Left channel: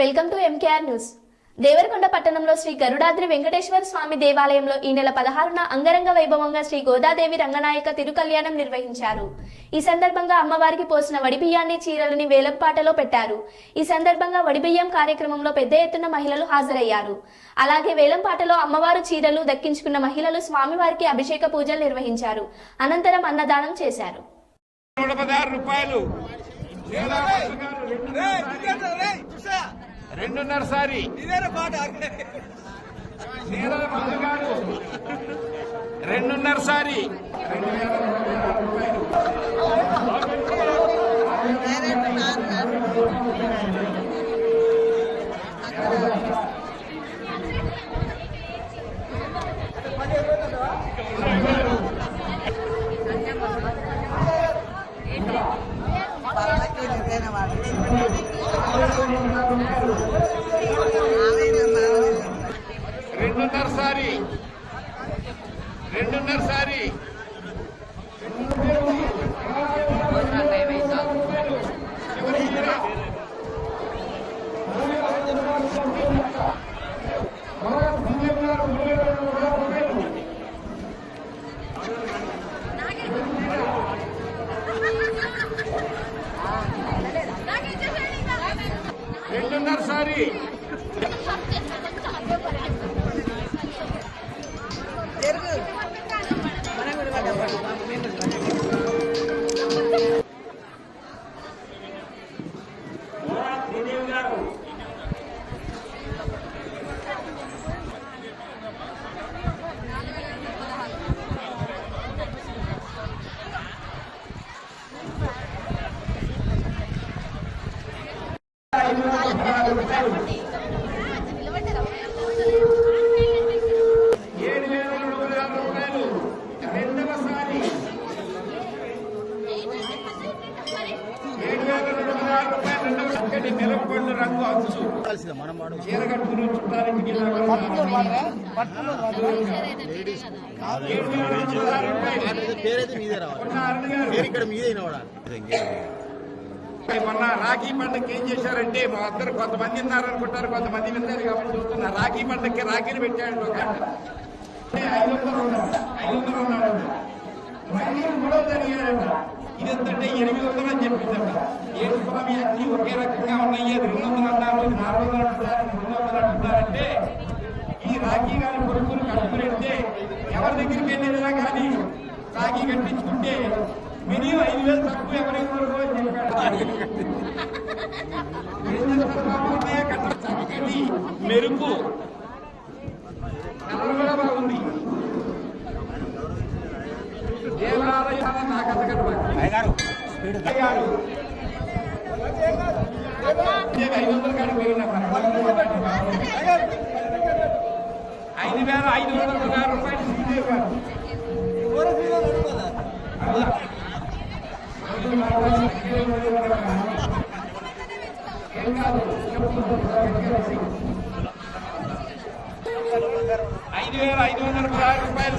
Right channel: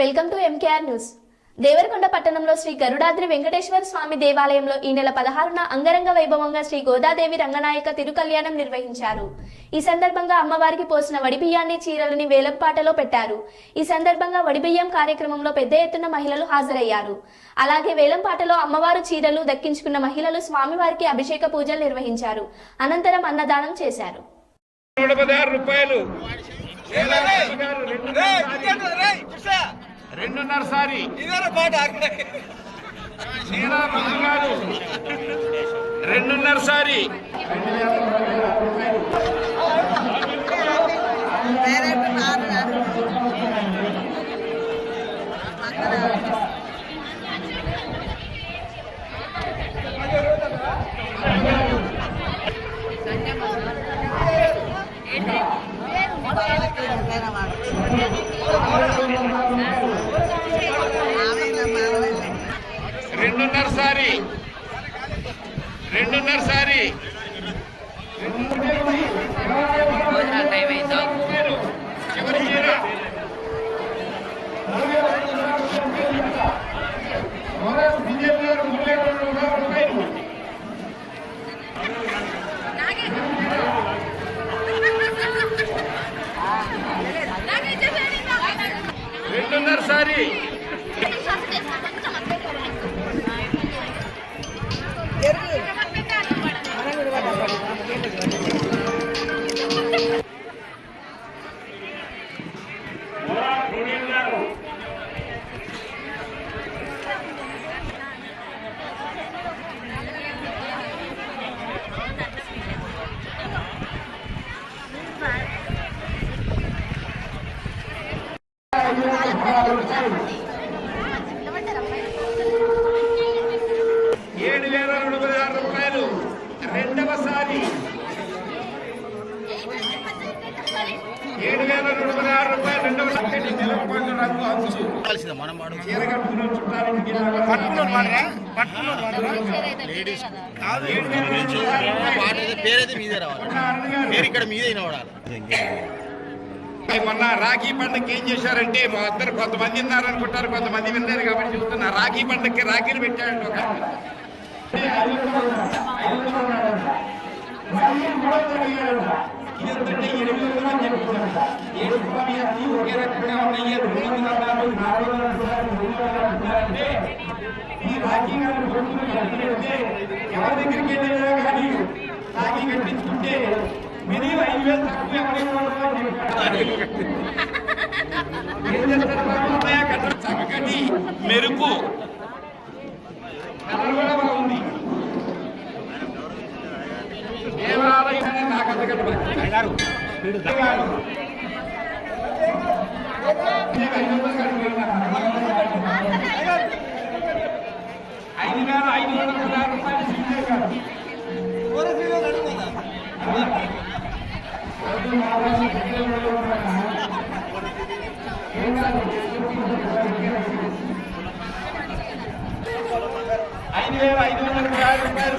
Welcome to MKR news Devarakonda పట్టణంలో శ్రీ గరుడాద్రి వెంకటేశ్వర స్వామి దేవాలయంలో ఈ నెల పదహారున అంగరంగ వైభవంగా శ్రీ గోదాదేవి రంగనాయక తిరుకల్యాణం నిర్వహించారు. ఈ సందర్భంగా అమ్మవారికి పోసిన వడిబియ్యాన్ని చీరలని వేలంపాటలో పెట్టారు. ఈ సందర్భంగా వడిబియ్యం కార్యక్రమంలో పెద్ద ఎత్తున మహిళలు హాజరయ్యారు. అలాగే వేలంపాటలో అమ్మవారు చీరలు దక్కించుకున్న మహిళలు స్వామివారికి అభిషేక పూజలు నిర్వహించారు. అనంతరం అన్నదానం చేశారు. రూపాయలు. రెండున్నర సారి. శ్రీరామరాజు గారు రెండున్నర సారి. రెండున్నర సారి. రెండున్నర సారి. చివరి ఏడు వేల నూట పదహారు రూపాయలు. రెండవ సారి ఏడు వేల నూట పదహారు రూపాయలు. రెండవ చక్కటి మెలపండు రంగు అంచు పేరైతే మీదే రావాలి. ఇక్కడ మీదే వినబడాలి. మొన్న రాఖీ పండుగకి ఏం చేశారంటే మా ఇద్దరు కొంతమంది ఉన్నారు అనుకుంటారు కొంతమంది విన్నారు కాబట్టి చెప్తున్నా రాఖీ పండుగకి రాఖీలు పెట్టాడు ఒక ఆయన. ఇదంటే ఎనిమిది వందలు అని చెప్తారు ఏడు స్వామి అన్ని ఒకే రకంగా ఉన్నాయి రెండు వందలు అన్నారు నాలుగు వందలు అంటున్నారు మూడు వందలు అంటున్నారంటే ఈ రాఖీ గారి కొడుకును కట్టుకుంటే ఎవరి దగ్గరికి వెళ్ళినా కానీ రాఖీ కట్టించుకుంటే మినిమం ఐదు వేలు తక్కువ ఎవరైనా అని చెప్పాడు. చక్కటి మెరుపు. కలర్ కూడా బాగుంది. దేవాలయం ఐదు వేల ఐదు వందల పదహారు రూపాయలు సిగ్నల్ కాదు. అలా. ఏం కాదు. ఐదు వేల ఐదు వందల రూపాయలు